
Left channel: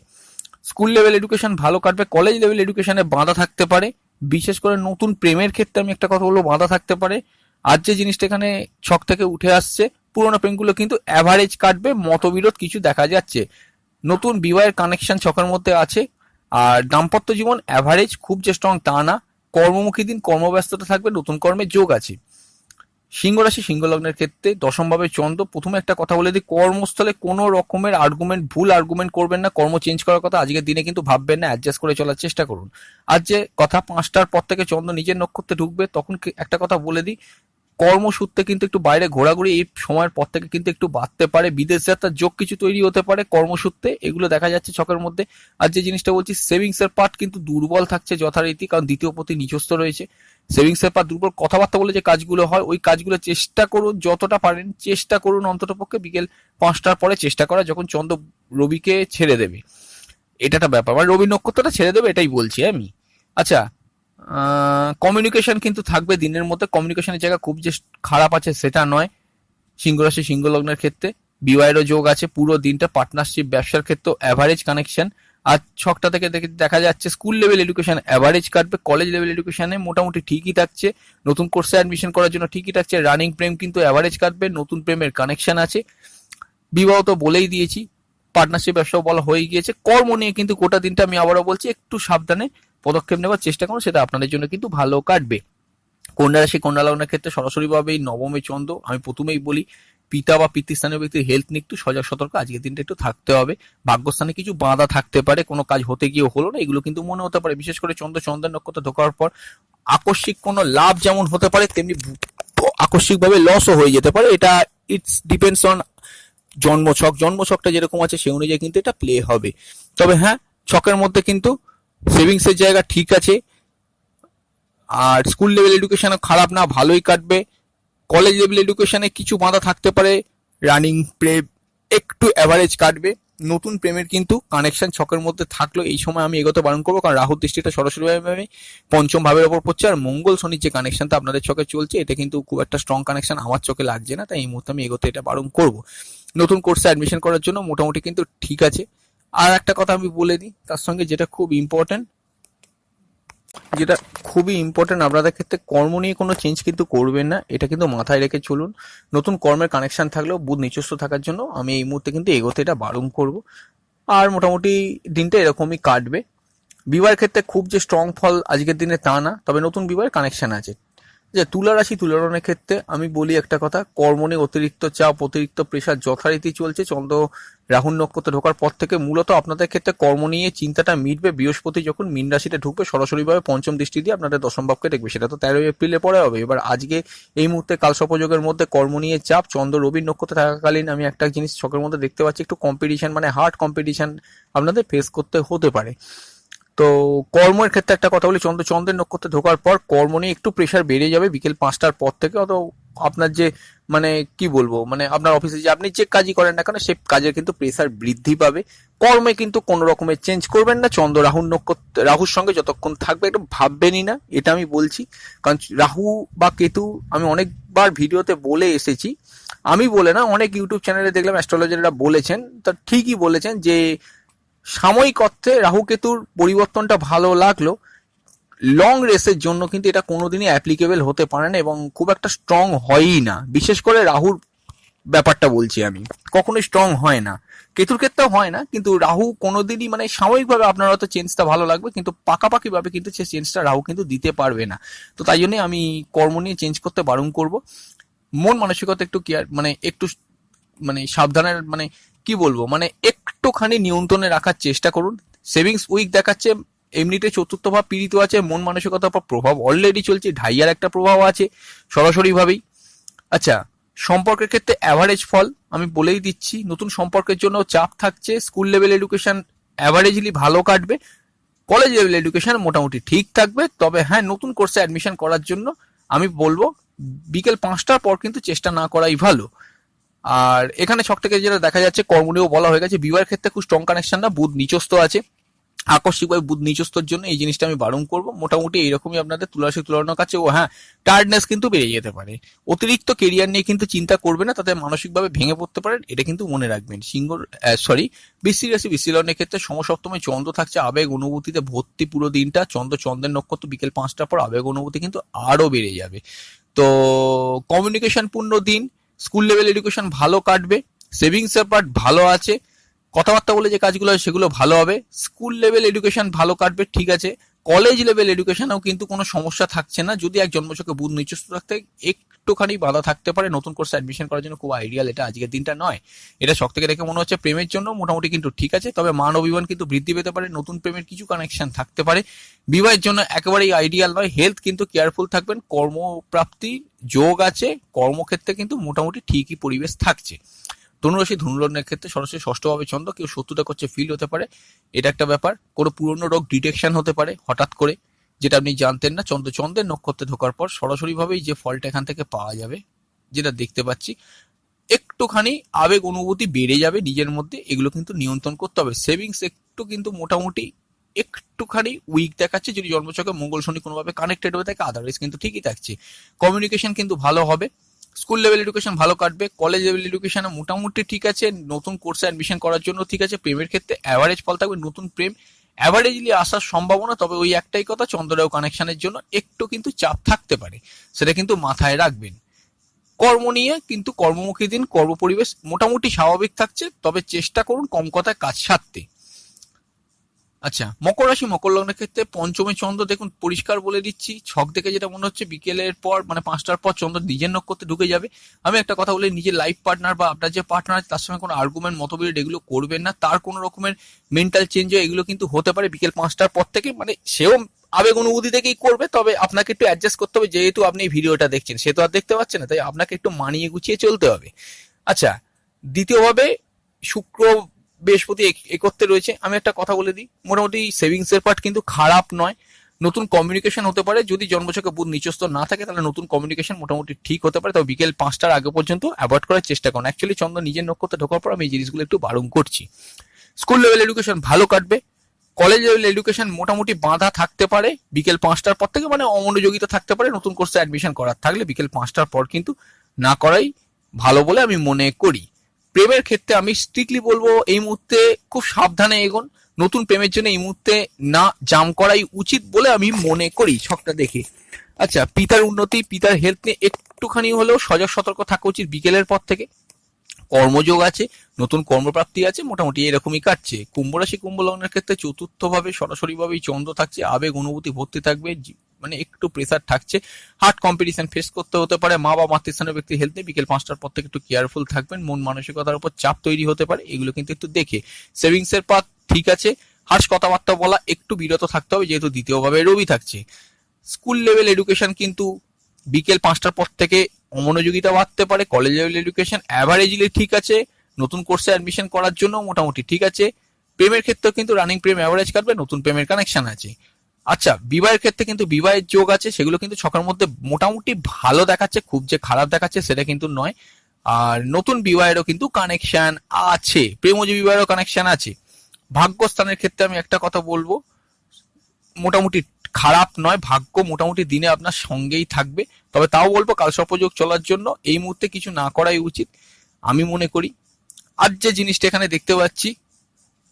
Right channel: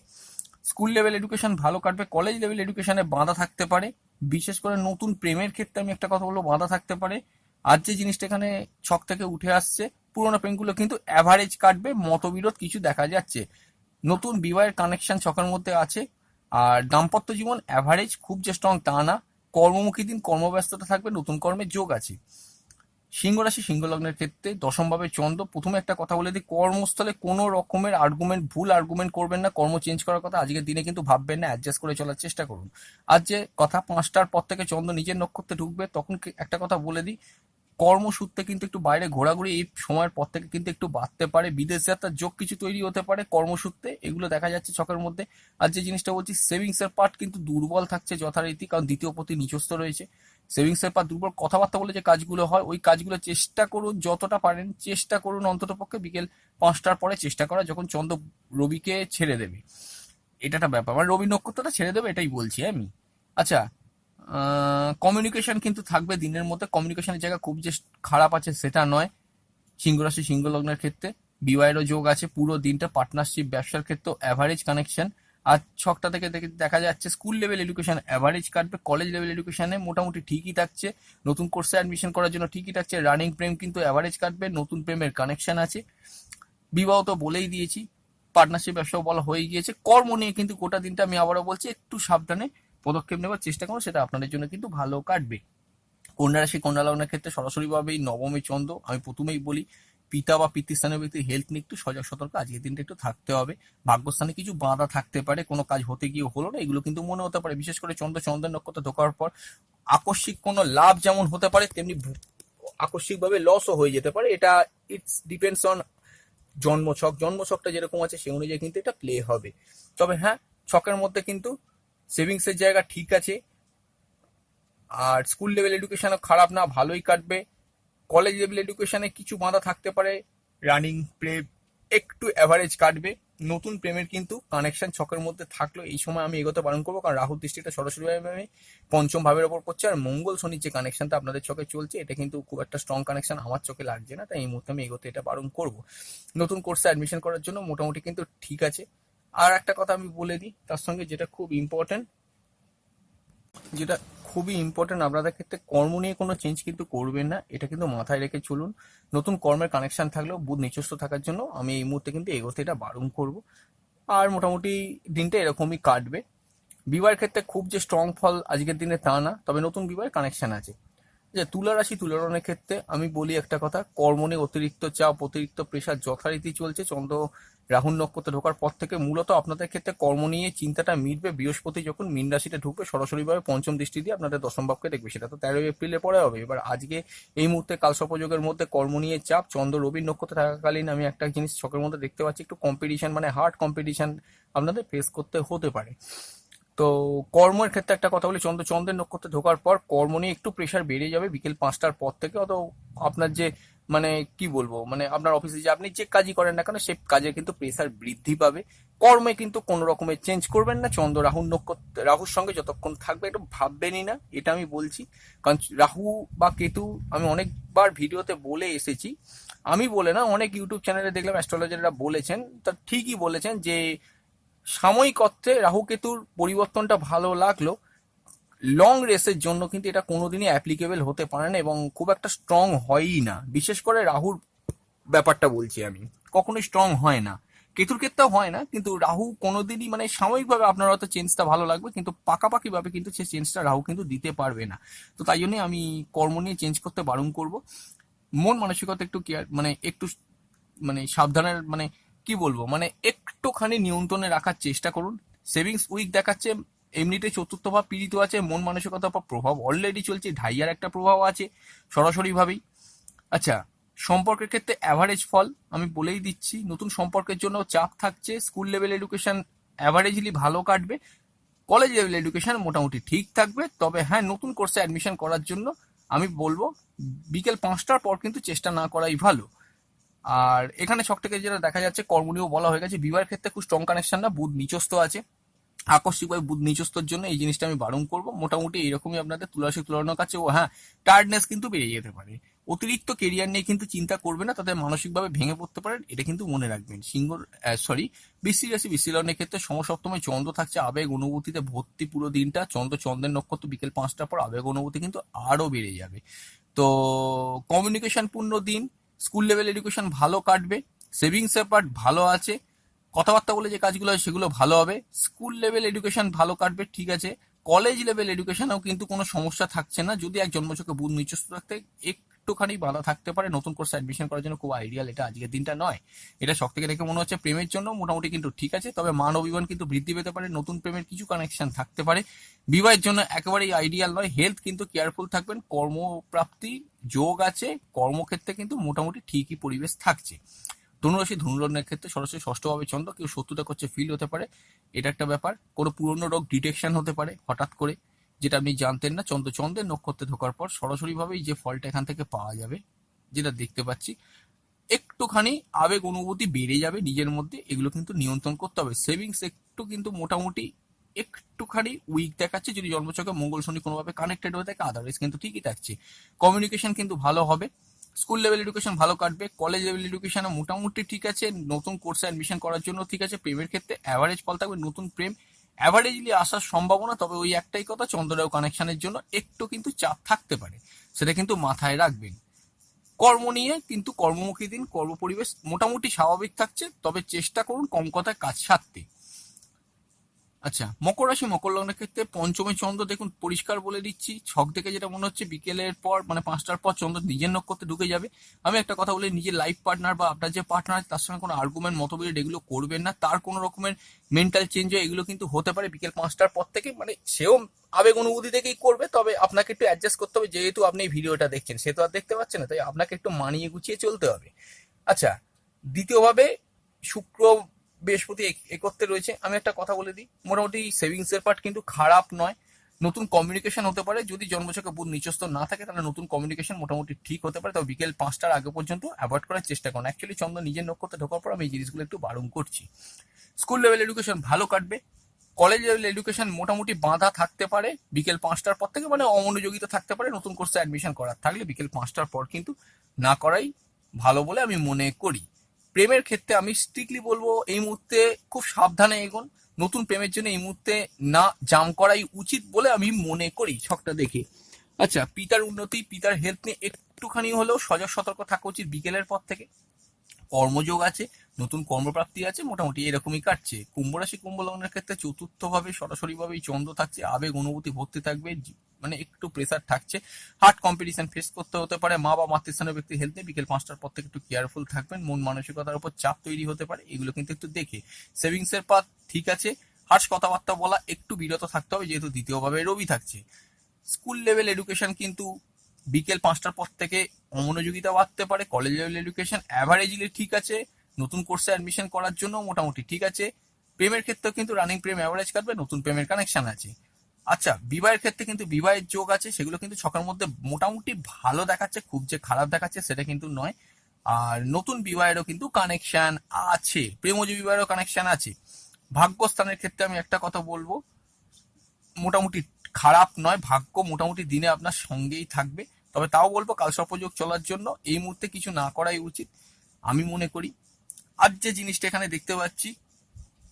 স্কুল লেভেল এডুকেশন ভালো কাটবে, কলেজ লেভেল এডুকেশনে বাধা থাকতে পারে। বিশেষ করে নতুন প্রেমের ক্ষেত্রে আমি একটা কথা বলবো, বাধা থাকতে পারে। আর যে জিনিসটা এখানে ছক থেকে উঠে আসছে, পুরোনো প্রেমগুলো কিন্তু অ্যাভারেজ কাটবে, মতবিরোধ কিছু দেখা যাচ্ছে। নতুন বিবাহের কানেকশন ছকের মধ্যে আছে। আর দাম্পত্য জীবন অ্যাভারেজ, খুব যে স্ট্রং তা না। কর্মমুখী দিন, কর্মব্যস্ততা থাকবে, নতুন কর্মের যোগ আছে। সিংহ রাশি সিংহ লগ্নের ক্ষেত্রে দশমভাবে চন্দ্র। প্রথমে একটা কথা বলে দিই, কর্মস্থলে কোনো রকমের আর্গুমেন্ট, ভুল আর্গুমেন্ট করবেন না। কর্ম চেঞ্জ করার কথা আজকের দিনে কিন্তু ভাববেন না, অ্যাডজাস্ট করে চলার চেষ্টা করুন। আর যে কথা, 5টার পর থেকে চন্দ্র নিজের নক্ষত্রে ঢুকবে, তখন একটা কথা বলে দিই, কর্মসূত্রে কিন্তু একটু বাইরে ঘোরাঘুরি এই সময়ের পর থেকে কিন্তু একটু বাড়তে পারে। বিদেশ যাত্রার যোগ কিছু তৈরি হতে পারে কর্মসূত্রে, এগুলো দেখা যাচ্ছে ছকের মধ্যে। আর যে জিনিসটা বলছি, সেভিংস এর পার্ট কিন্তু দুর্বল থাকছে যথারীতি, কারণ দ্বিতীয় পতি নিচস্থ রয়েছে। সেভিংস এর পার্ট দুর্বল। কথাবার্তা বলে যে কাজগুলো হয়, ওই কাজগুলো চেষ্টা করুন যতটা পারেন, চেষ্টা করুন অন্তত পক্ষে বিকেল 5টার পরে চেষ্টা করা, যখন চন্দ্র রবিকে ছেড়ে দেবে। এটা একটা ব্যাপার, মানে রবি নক্ষত্রটা ছেড়ে দেবে, এটাই বলছি আমি। আচ্ছা, কমিউনিকেশন কিন্তু থাকবে দিনের মধ্যে। কমিউনিকেশনের জায়গা খুব যে খারাপ আছে সেটা নয়। সিংহ রাশি সিংহ লগ্নের ক্ষেত্রে বিবাহেরও যোগ আছে পুরো দিনটা। পার্টনারশিপ ব্যবসার ক্ষেত্রে অ্যাভারেজ কানেকশন। আর ছকটা থেকে দেখা যাচ্ছে স্কুল লেভেল এডুকেশন অ্যাভারেজ কাটবে, কলেজ লেভেল এডুকেশনে মোটামুটি ঠিকই থাকছে, নতুন কোর্সে অ্যাডমিশন করার জন্য ঠিকই থাকছে। রানিং প্রেম কিন্তু অ্যাভারেজ কাটবে, নতুন প্রেমের কানেকশন আছে। বিবাহ তো বলেই দিয়েছি, পার্টনারশিপ ব্যবসাও বলা হয়ে গিয়েছে। কর্ম নিয়ে কিন্তু গোটা দিনটা আমি আবারও বলছি, একটু সাবধানে পদক্ষেপ নেওয়ার চেষ্টা করুন, সেটা আপনাদের জন্য কিন্তু ভালো কাটবে। কন্যা রাশি কন্যা লগ্নের ক্ষেত্রে সরাসরিভাবে এই নবমে চন্দ্র, আমি প্রথমেই বলি পিতা বা পিতৃস্থানীয় ব্যক্তির হেলথ নিয়ে একটু সজাগ সতর্ক আজকের দিনটা একটু থাকতে হবে। ভাগ্যস্থানে কিছু বাধা থাকতে পারে, কোনো কাজ হতে গিয়ে হলো না, এগুলো কিন্তু মনে হতে পারে। বিশেষ করে চন্দ্রের নক্ষত্র ঢোকার পর আকস্মিক কোনো লাভ যেমন হতে পারে, তেমনি আকস্মিকভাবে লসও হয়ে যেতে পারে। এটা ইটস ডিপেন্ডস অন জন্মছকটা যেরকম আছে সেই অনুযায়ী কিন্তু এটা প্লে হবে। তবে হ্যাঁ, ছকের মধ্যে কিন্তু সেভিংসের জায়গা ঠিক আছে। আর স্কুল লেভেল এডুকেশনও খারাপ না, ভালোই কাটবে। কলেজ লেভেল এডুকেশনে কিছু বাধা থাকতে পারে, রানিং প্রেম একটু অ্যাভারেজ কাটবে। নতুন প্রেমের কিন্তু কানেকশন ছকের মধ্যে থাকলেও এই সময় আমি এগোতে বারণ করবো, কারণ রাহুর দৃষ্টিটা সরাসরিভাবে পঞ্চম ভাবের ওপর পড়ছে। আর মঙ্গল শনির যে কানেকশনটা আপনাদের চোখে চলছে, এটা কিন্তু খুব একটা স্ট্রং কানেকশন আমার চোখে লাগছে না, তাই এই মুহূর্তে আমি এগোতে এটা বারণ করবো। নতুন কোর্সে অ্যাডমিশন করার জন্য মোটামুটি কিন্তু ঠিক আছে। আর একটা কথা আমি বলে দিই তার সঙ্গে, যেটা খুবই ইম্পর্টেন্ট আপনাদের ক্ষেত্রে, কর্ম নিয়ে কোনো চেঞ্জ কিন্তু করবেন না, এটা কিন্তু মাথায় রেখে চলুন। নতুন কর্মের কানেকশন থাকলেও বুধ নিচস্থ থাকার জন্য আমি এই মুহূর্তে কিন্তু এগোতে এটা বারণ করব। আর মোটামুটি দিনটা এরকমই কাটবে। বিবাহের ক্ষেত্রে খুব যে স্ট্রং ফল আজকের দিনে তা না, তবে নতুন বিবাহের কানেকশন আছে। যে তুলা রাশি তুলা লগ্নের ক্ষেত্রে আমি বলি একটা কথা, কর্ম নিয়ে অতিরিক্ত চাপ, অতিরিক্ত প্রেশার যথারীতি চলছে। চন্দ্র রাহুর নক্ষত্রে ঢোকার পর থেকে মূলত আপনাদের ক্ষেত্রে কর্ম নিয়ে চিন্তাটা মিটবে। বৃহস্পতি যখন মীন রাশিতে ঢুকবে, সরাসরিভাবে পঞ্চম দৃষ্টি দিয়ে আপনাদের দশম ভাবকে দেখবে, সেটা তো 13 এপ্রিলে পরে হবে। এবার আজকে এই মুহূর্তে কালসর্পযোগের মধ্যে কর্ম নিয়ে চাপ, চন্দ্র রবির নক্ষত্রে থাকাকালীন আমি একটা জিনিস চোখের মধ্যে দেখতে পাচ্ছি, একটু কম্পিটিশন, মানে হার্ড কম্পিটিশন আপনাদের ফেস করতে হতে পারে। তো কর্মের ক্ষেত্রে একটা কথা বলি, চন্দ্রের নক্ষত্রে ঢোকার পর কর্ম নিয়ে একটু প্রেশার বেড়ে যাবে বিকেল 5টার পর থেকে। অত আপনার যে মানে কি বলবো, মানে আপনার অফিসে যে আপনি যে কাজই করেন না কেন সেই কাজের কিন্তু প্রেশার বৃদ্ধি পাবে। কর্মে কিন্তু কোনো রকমের চেঞ্জ করবেন না, চন্দ্র রাহুর নক্ষত্র রাহুর সঙ্গে যতক্ষণ থাকবে একটু ভাববেনই না, এটা আমি বলছি। কারণ রাহু বা কেতু আমি অনেকবার ভিডিওতে বলে এসেছি, আমি বলে না, অনেক ইউটিউব চ্যানেলে দেখলাম অ্যাস্ট্রোলজাররা বলেছেন, তা ঠিকই বলেছেন যে সাময়িক অর্থে রাহু কেতুর পরিবর্তনটা ভালো লাগলো, লং রেসের জন্য কিন্তু এটা কোনোদিনই অ্যাপ্লিকেবল হতে পারে না এবং খুব একটা স্ট্রং হয়ই না। বিশেষ করে রাহুর ব্যাপারটা বলছি আমি, কখনোই স্ট্রং হয় না। কেতুর ক্ষেত্রেও হয় না, কিন্তু রাহু কোনোদিনই মানে সাময়িকভাবে আপনার হয়তো চেঞ্জটা ভালো লাগবে, কিন্তু পাকাপাকিভাবে কিন্তু সেই চেঞ্জটা রাহু কিন্তু দিতে পারবে না। তো তাই জন্যই আমি কর্ম নিয়ে চেঞ্জ করতে বারণ করব। মন মানসিকতা একটু কেয়ার মানে একটু মানে সাবধানের মানে কি বলবো, মানে একটুখানি নিয়ন্ত্রণে রাখার চেষ্টা করুন। সেভিংস উইক দেখাচ্ছে, এমনিতে চতুর্থ ভাব পীড়িত আছে, মন মানসিকতার উপর প্রভাব অলরেডি চলছে, ঢাইয়ার একটা প্রভাব আছে সরাসরি ভাবেই। আচ্ছা, সম্পর্কের ক্ষেত্রে অ্যাভারেজ ফল আমি বলেই দিচ্ছি, নতুন সম্পর্কের জন্য চাপ থাকছে। স্কুল লেভেল এডুকেশন অ্যাভারেজলি ভালো কাটবে, কলেজ লেভেল এডুকেশন মোটামুটি ঠিক থাকবে। তবে হ্যাঁ, নতুন কোর্সে অ্যাডমিশন করার জন্য আমি বলবো বিকেল 5টার পর কিন্তু চেষ্টা না করাই ভালো। আর এখানে সব থেকে যেটা দেখা যাচ্ছে, কর্ম নিয়েও বলা হয়ে গেছে, বিবাহের ক্ষেত্রে খুব স্ট্রং কানেকশন না, বুধ নিচস্থ আছে, আকস্মিকভাবে বুধ নিচস্থর জন্য এই জিনিসটা আমি বারণ করবো। মোটামুটি এইরকমই আপনাদের তুলারাশি তুলনার কাছে ও হ্যাঁ, টায়ার্ডনেস কিন্তু বেড়ে যেতে পারে। অতিরিক্ত কেরিয়ার নিয়ে কিন্তু চিন্তা করবে না, তাতে মানসিকভাবে ভেঙে পড়তে পারেন, এটা কিন্তু মনে রাখবেন। বৃশ্চিক রাশি বিশ্লেষণের ক্ষেত্রে সমসপ্তমে চন্দ্র থাকছে, আবেগ অনুভূতিতে ভর্তি পুরো দিনটা। চন্দ্রের নক্ষত্র বিকেল 5টার পর আবেগ অনুভূতি কিন্তু আরো বেড়ে যাবে। তো কমিউনিকেশন পূর্ণ দিন, স্কুল লেভেল এডুকেশন ভালো কাটবে, সেভিংস এর পার্ট ভালো আছে, কথাবার্তা বলে যে কাজগুলো হয় সেগুলো ভালো হবে। স্কুল লেভেল এডুকেশন ভালো কাটবে, ঠিক আছে। কলেজ লেভেল এডুকেশনেও কিন্তু কোনো সমস্যা থাকছে না, যদি এক জন্মছকে বুধ নিচস্থ থাকতে একটুখানি বাধা থাকতে পারে। নতুন কোর্সে অ্যাডমিশন করার জন্য খুব আইডিয়াল এটা আজকের দিনটা নয়। এটা সব থেকে দেখে মনে হচ্ছে প্রেমের জন্য মোটামুটি কিন্তু ঠিক আছে, তবে মান অভিমান কিন্তু বৃদ্ধি পেতে পারে, নতুন প্রেমের কিছু কানেকশন থাকতে পারে। বিবাহের জন্য একেবারেই আইডিয়াল নয়। হেলথ কিন্তু কেয়ারফুল থাকবেন। কর্মপ্রাপ্তি যোগ আছে, কর্মক্ষেত্রে কিন্তু মোটামুটি ঠিকই পরিবেশ থাকছে। ধনুরাশি ধনুলগ্নের ক্ষেত্রে সরাসরি ষষ্ঠভাবে চন্দ্র, কেউ শত্রুতা করছে ফিল হতে পারে, এটা একটা ব্যাপার। কোনো পুরনো রোগ ডিটেকশন হতে পারে হঠাৎ করে, যেটা আপনি জানতেন না। চন্দ্রের নক্ষত্রে ঢোকার পর সরাসরি ভাবেই যে ফলটা এখান থেকে পাওয়া যাবে, যেটা দেখতে পাচ্ছি, একটুখানি আবেগ অনুভূতি বেড়ে যাবে নিজের মধ্যে, এগুলো কিন্তু নিয়ন্ত্রণ করতে হবে। সেভিংস একটু কিন্তু মোটামুটি একটুখানি উইক দেখাচ্ছে, যদি জন্মছকে মঙ্গল শনি কোনোভাবে কানেক্টেড হয়ে থাকে, আদারওয়াইজ কিন্তু ঠিকই থাকছে। কমিউনিকেশন কিন্তু ভালো হবে, স্কুল লেভেল এডুকেশন ভালো কাটবে, কলেজ লেভেল এডুকেশন মোটামুটি ঠিক আছে, নতুন কোর্সে অ্যাডমিশন করার জন্য ঠিক আছে। প্রেমের ক্ষেত্রে অ্যাভারেজ ফল থাকবে, নতুন প্রেম অ্যাভারেজলি আসার সম্ভাবনা, তবে ওই একটাই কথা, চন্দ্ররাও কানেকশনের জন্য একটু কিন্তু চাপ থাকতে পারে, সেটা কিন্তু মাথায় রাখবেন। কর্ম নিয়ে কিন্তু কর্মমুখী দিন, কর্ম পরিবেশ মোটামুটি স্বাভাবিক থাকছে, তবে চেষ্টা করুন কম কথায় কাজ সারতে। আচ্ছা, মকর রাশি মকর লগ্নের ক্ষেত্রে পঞ্চমী চন্দ্র দেখুন, পরিষ্কার বলে দিচ্ছি, ছক দেখে যেটা মনে হচ্ছে বিকেলের পর মানে 5টার পর চন্দ্র নিজের নক্ষত্রে ঢুকে যাবে। আমি একটা কথা বলি, নিজের লাইফ পার্টনার বা আপনার যে পার্টনার আছে তার সঙ্গে কোনো আর্গুমেন্ট মতবিরোধ এগুলো করবেন না, তার কোনো রকমের মেন্টাল চেঞ্জ এগুলো কিন্তু হতে পারে বিকেল 5টার পর থেকে, মানে সেও আবেগ অনুভূতি থেকেই করবে, তবে আপনাকে একটু অ্যাডজাস্ট করতে হবে, যেহেতু আপনি এই ভিডিওটা দেখছেন সে তো আর দেখতে পাচ্ছে না, তাই আপনাকে একটু মানিয়ে গুছিয়ে চলতে হবে। আচ্ছা, দ্বিতীয়ভাবে শুক্র বৃহস্পতি একত্রে রয়েছে। আমি একটা কথা বলে দিই, মোটামুটি সেভিংস এর পার্ট কিন্তু খারাপ নয়, নতুন কমিউনিকেশন হতে পারে, যদি জন্মছকে বুধ নিচস্থ না থাকে তাহলে নতুন কমিউনিকেশন মোটামুটি ঠিক হতে পারে, তবে বিকেল 5টার আগে পর্যন্ত অ্যাভয়েড করার চেষ্টা করুন। অ্যাকচুয়ালি চন্দ্র নিজের নক্ষত্রে ঢোকার পর আমি এই জিনিসগুলো একটু বারণ করছি। স্কুল লেভেল এডুকেশন ভালো কাটবে, কলেজ লেভেল এডুকেশন মোটামুটি বাঁধা থাকতে পারে বিকেল 5টার পর থেকে, মানে অমনোযোগিতা থাকতে পারে, নতুন কোর্সে অ্যাডমিশন করার থাকলে বিকেল 5টার পর কিন্তু না করাই ভালো বলে আমি মনে করি। প্রেমের ক্ষেত্রে আমি স্ট্রিক্টলি বলবো এই মুহূর্তে খুব সাবধানে এগোন, নতুন প্রেমের জন্য এই মুহূর্তে না জাম করাই উচিত বলে আমি মনে করি ছকটা দেখে। আচ্ছা, পিতার উন্নতি পিতার হেলথ নিয়ে একটুখানি হলেও সজাগ সতর্ক থাকা উচিত বিকেলের পর থেকে। কর্মযোগ আছে, নতুন কর্মপ্রাপ্তি আছে, মোটামুটি এরকমই কাটছে। কুম্ভ রাশি কুম্ভ লগ্নের ক্ষেত্রে চতুর্থ ভাবে সরাসরি ভাবেই চন্দ্র থাকছে, আবেগ অনুভূতি ভর্তি থাকবে, মানে একটু প্রেসার থাকছে, হার্ড কম্পিটিশন ফেস করতে হতে পারে। মা বা মাতৃস্থানীয় ব্যক্তির হেলথে বিকেল 5টার পর থেকে একটু কেয়ারফুল থাকবেন, মন মানসিকতার উপর চাপ তৈরি হতে পারে, এগুলো কিন্তু একটু দেখে। সেভিংস এর পাথ ঠিক আছে, হার্শ কথাবার্তা বলা একটু বিরত থাকতে হবে, যেহেতু দ্বিতীয়ভাবে রবি থাকছে। স্কুল লেভেল এডুকেশন কিন্তু বিকেল 5টার পর থেকে অমনোযোগিতা বাড়তে পারে, কলেজ লেভেল এডুকেশন অ্যাভারেজলি ঠিক আছে, নতুন কোর্সে অ্যাডমিশন করার জন্য মোটামুটি ঠিক আছে। প্রেমের ক্ষেত্রে কিন্তু রানিং প্রেম অ্যাভারেজ কাটবে, নতুন প্রেমের কানেকশন আছে। আচ্ছা, বিবাহের ক্ষেত্রে কিন্তু বিবাহের যোগ আছে, সেগুলো কিন্তু ছকের মধ্যে মোটামুটি ভালো দেখাচ্ছে, খুব যে খারাপ দেখাচ্ছে সেটা কিন্তু নয়। আর নতুন বিবাহেরও কিন্তু কানেকশন আছে, প্রেমজ বিবাহেরও কানেকশন আছে। ভাগ্যস্থানের ক্ষেত্রে আমি একটা কথা বলবো, মোটামুটি খারাপ নয়, ভাগ্য মোটামুটি দিনে আপনার সঙ্গেই থাকবে। তবে তাও বলবো কালসর্পযোগ চলার জন্য এই মুহূর্তে কিছু না করাই উচিত আমি মনে করি। আর যে জিনিসটা এখানে দেখতে পাচ্ছি,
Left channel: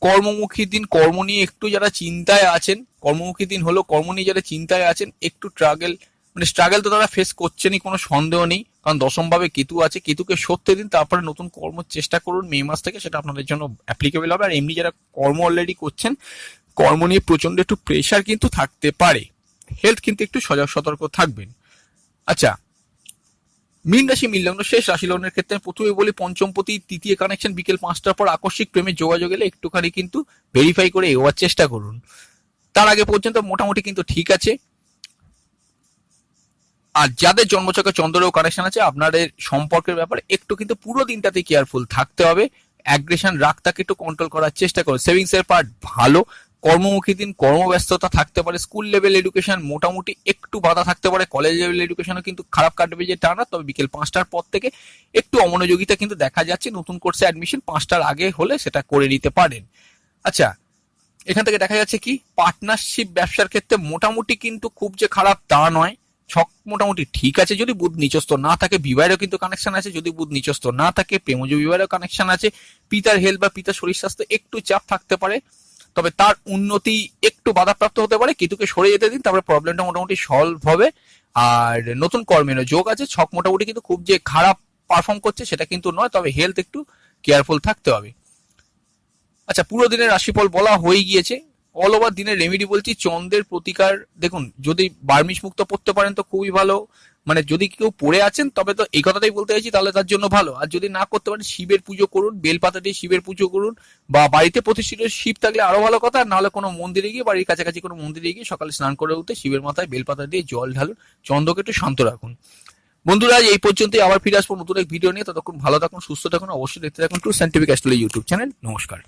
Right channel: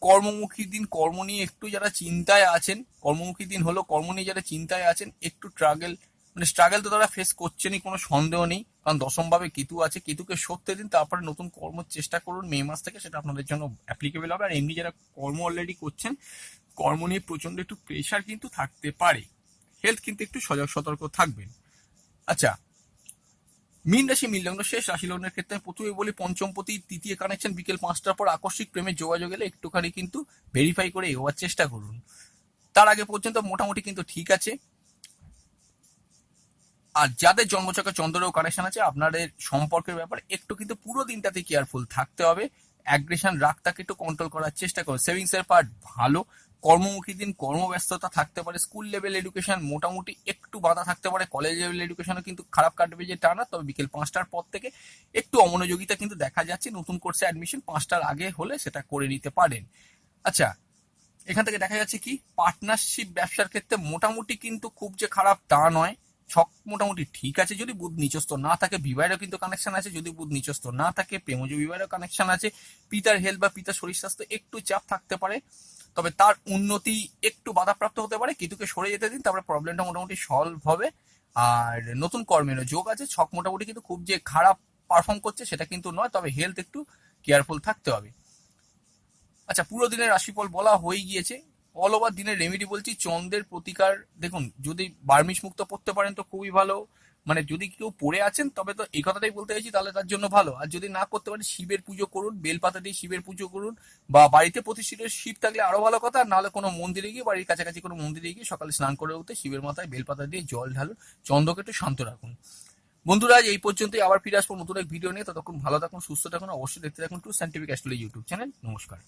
কর্মমুখী দিন, কর্ম নিয়ে একটু যারা চিন্তায় আছেন, কর্মমুখী দিন হলো, কর্ম নিয়ে যারা চিন্তায় আছেন একটু স্ট্রাগল তো তারা ফেস করছেনই, কোনো সন্দেহ নেই, কারণ দশম ভাবে কেতু আছে। কেতুকে সত্যি দিন, তারপরে নতুন কর্ম চেষ্টা করুন মে মাস থেকে, সেটা আপনাদের জন্য অ্যাপ্লিকেবল হবে। আর এমনি যারা কর্ম অলরেডি করছেন, কর্ম নিয়ে প্রচন্ড একটু প্রেশার কিন্তু থাকতে পারে, হেলথ কিন্তু একটু সজাগ সতর্ক থাকবেন। আচ্ছা, মীন রাশি মীন লগ্ন শেষ রাশি লগ্নের ক্ষেত্রে প্রথমে বলি পঞ্চমপতি তৃতীয় কানেকশন বিকেল 5টার পর আকস্মিক প্রেমের যোগাযোগ এলে একটুখানি কিন্তু ভেরিফাই করে এগোয়ার চেষ্টা করুন। তার আগে পর্যন্ত মোটামুটি কিন্তু ঠিক আছে। আর যাদের জন্মছকে চন্দ্রেও কানেকশন আছে, আপনাদের সম্পর্কের ব্যাপারে একটু কিন্তু পুরো দিনটাতে কেয়ারফুল থাকতে হবে, অ্যাগ্রেশন রাগটাকে একটু কন্ট্রোল করার চেষ্টা করুন। সেভিংস এর পার্ট ভালো, কর্মমুখী দিন, কর্মব্যস্ততা থাকতে পারে, স্কুল লেভেল এডুকেশন মোটামুটি একটু বাধা থাকতে পারে, কলেজ লেভেল এডুকেশনও কিন্তু খারাপ কাটবে যে টা না, তবে বিকেল 5টার পর থেকে একটু অমনোযোগিতা কিন্তু দেখা যাচ্ছে। নতুন কোর্সে অ্যাডমিশন 5টার আগে হলে সেটা করে নিতে পারেন। আচ্ছা, এখান থেকে দেখা যাচ্ছে কি পার্টনারশিপ ব্যবসার ক্ষেত্রে মোটামুটি কিন্তু খুব যে খারাপ তা নয়, ছক মোটামুটি ঠিক আছে। যদি বুধ নিচস্থ না থাকে, বিবাহেরও কিন্তু কানেকশন আছে, যদি বুধ নিচস্থ না থাকে প্রেমজ বিবাহেরও কানেকশন আছে। পিতার হেলথ বা পিতার শরীর স্বাস্থ্য একটু চাপ থাকতে পারে, তবে তার উন্নতি একটু বাধাপ্রাপ্ত হতে পারে। কেতুকে সরে যেতে দিন, তারপরে প্রবলেমটা মোটামুটি সলভ হবে। আর নতুন কর্মেরও যোগ আছে, ছক মোটামুটি কিন্তু খুব যে খারাপ পারফর্ম করছে সেটা কিন্তু নয়, তবে হেলথ একটু কেয়ারফুল থাকতে হবে। আচ্ছা, পুরো দিনের রাশিফল বলা হয়ে গিয়েছে। অল ওভার দিনের রেমেডি বলছি, চন্দ্রের প্রতিকার দেখুন, যদি বার্মিশ মুক্ত পড়তে পারেন তো খুবই ভালো, মানে যদি কেউ পড়ে আছেন তবে তো এই কথাটাই বলতে চাইছি, তাহলে তার জন্য ভালো। আর যদি না করতে পারেন, শিবের পুজো করুন, বেলপাতা দিয়ে শিবের পুজো করুন, বা বাড়িতে প্রতিষ্ঠিত শিব থাকলে আরো ভালো কথা, নাহলে কোনো মন্দিরে গিয়ে, বাড়ির কাছাকাছি কোনো মন্দিরে গিয়ে সকালে স্নান করে উঠে শিবের মাথায় বেলপাতা দিয়ে জল ঢালুন, চন্দ্রকে একটু শান্ত রাখুন। বন্ধুরা, আজ এই পর্যন্তই, আবার ফিরে আসবো নতুন এক ভিডিও নিয়ে। ততক্ষণ ভালো থাকুন, সুস্থ থাকুন, অবশ্যই দেখতে থাকুন true scientific astrology YouTube channel. নমস্কার।